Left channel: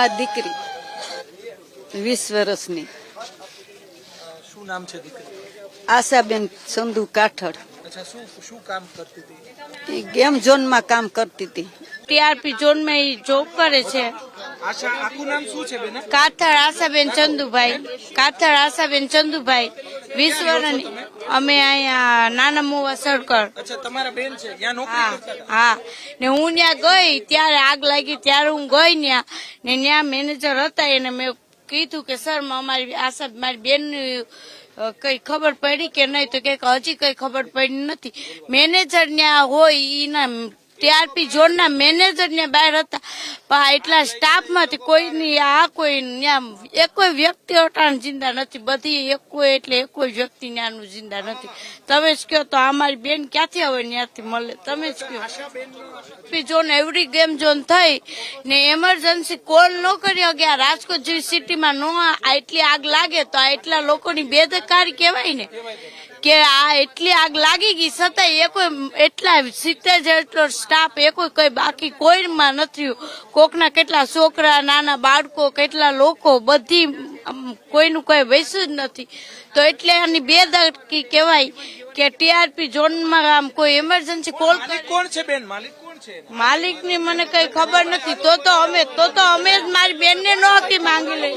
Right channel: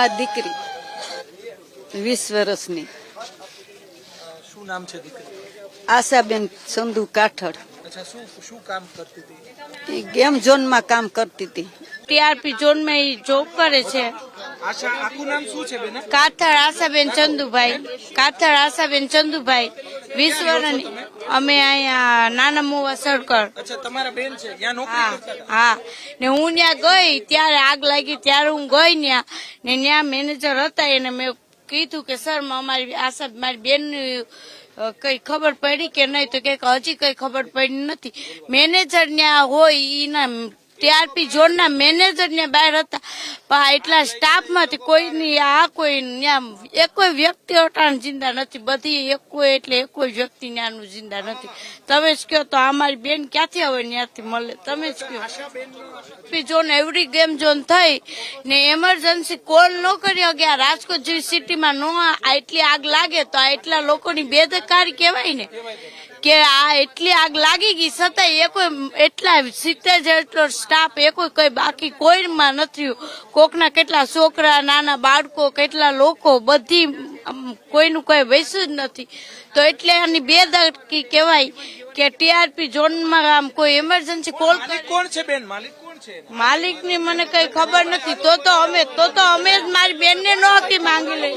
મારી દીકરી. વીસ વર્ષની. શું નામ છે દીકરી? આશાબેન સંધુ કાઠડ અચ્છા શું શું કામ કરતી હતી? એ ગેમ ઝોનમાં કામ કરતી હતી. ટીઆરપી ઝોનમાં એ જોબ કરે છે. આશા આખું નામ શું છે બેના? કાથળ આશાબેન ચંદુભાઈ. કાથળ આશાબેન ચંદુભાઈ. વીસ વર્ષની અમે અહીંયા નાના મોવા સડકર તમારા બેન છે હા હા. ને હું ત્યાં ગઈ ત્યારે આગ લાગી ત્યારે હું ગઈ ત્યાં ને ત્યાં મેનેજર હતા એને મેં કીધું કે સર અમારી આશા મારી બેન કઈ ખબર પડી કે નહીં તો કે હજી કઈ ખબર પડી નથી. મેનેજર ત્યાં હોય એના ટીઆરપી ઝોનના મેનેજર ને બહાર હતા. પણ એટલા સ્ટાફમાંથી કોઈની, આ કોઈ એક કોઈ વ્યક્તિ અટાણ જિંદા નથી. બધી એક એટલે એક કોઈ વ્યક્તિ ત્યાંનું જિંદા નથી. તમે જ કહો તો અમારી બેન ક્યાંથી હવે ત્યાંથી મળે? તમે જ કહો. ઝોન એવરી ગેમ ઝોન થઈ ને એમરજન્સી કોલ ન કર્યો કે આ રાજકોટ જેવી સિટીમાં ન આ એટલી આગ લાગે તો એટલા લોકોની બેદકારી કહેવાય ને કે આ એટલી આગ લાગી ગઈ છતાં એ કોઈ એટલા સિત્તેર જેટલો સ્ટાફ એ કોઈ કઈ બાકી કોઈમાં નથી. કોકના કેટલા છોકરા નાના બાળકો કેટલા લોકો બધી કોઈનું કોઈ વૈસું જ નથી. તો એટલે આની બેદરકી કહેવાય કે ટીઆરપી ઝોનમાં આમ કોઈ એમરજન્સી કોલ કોણ છે બેન? માલિક માલિકની મને કઈ ખબર નથી. તો તો અમે તો તો અમે જ મારી બેન ને નહોતી માંગી લઈ.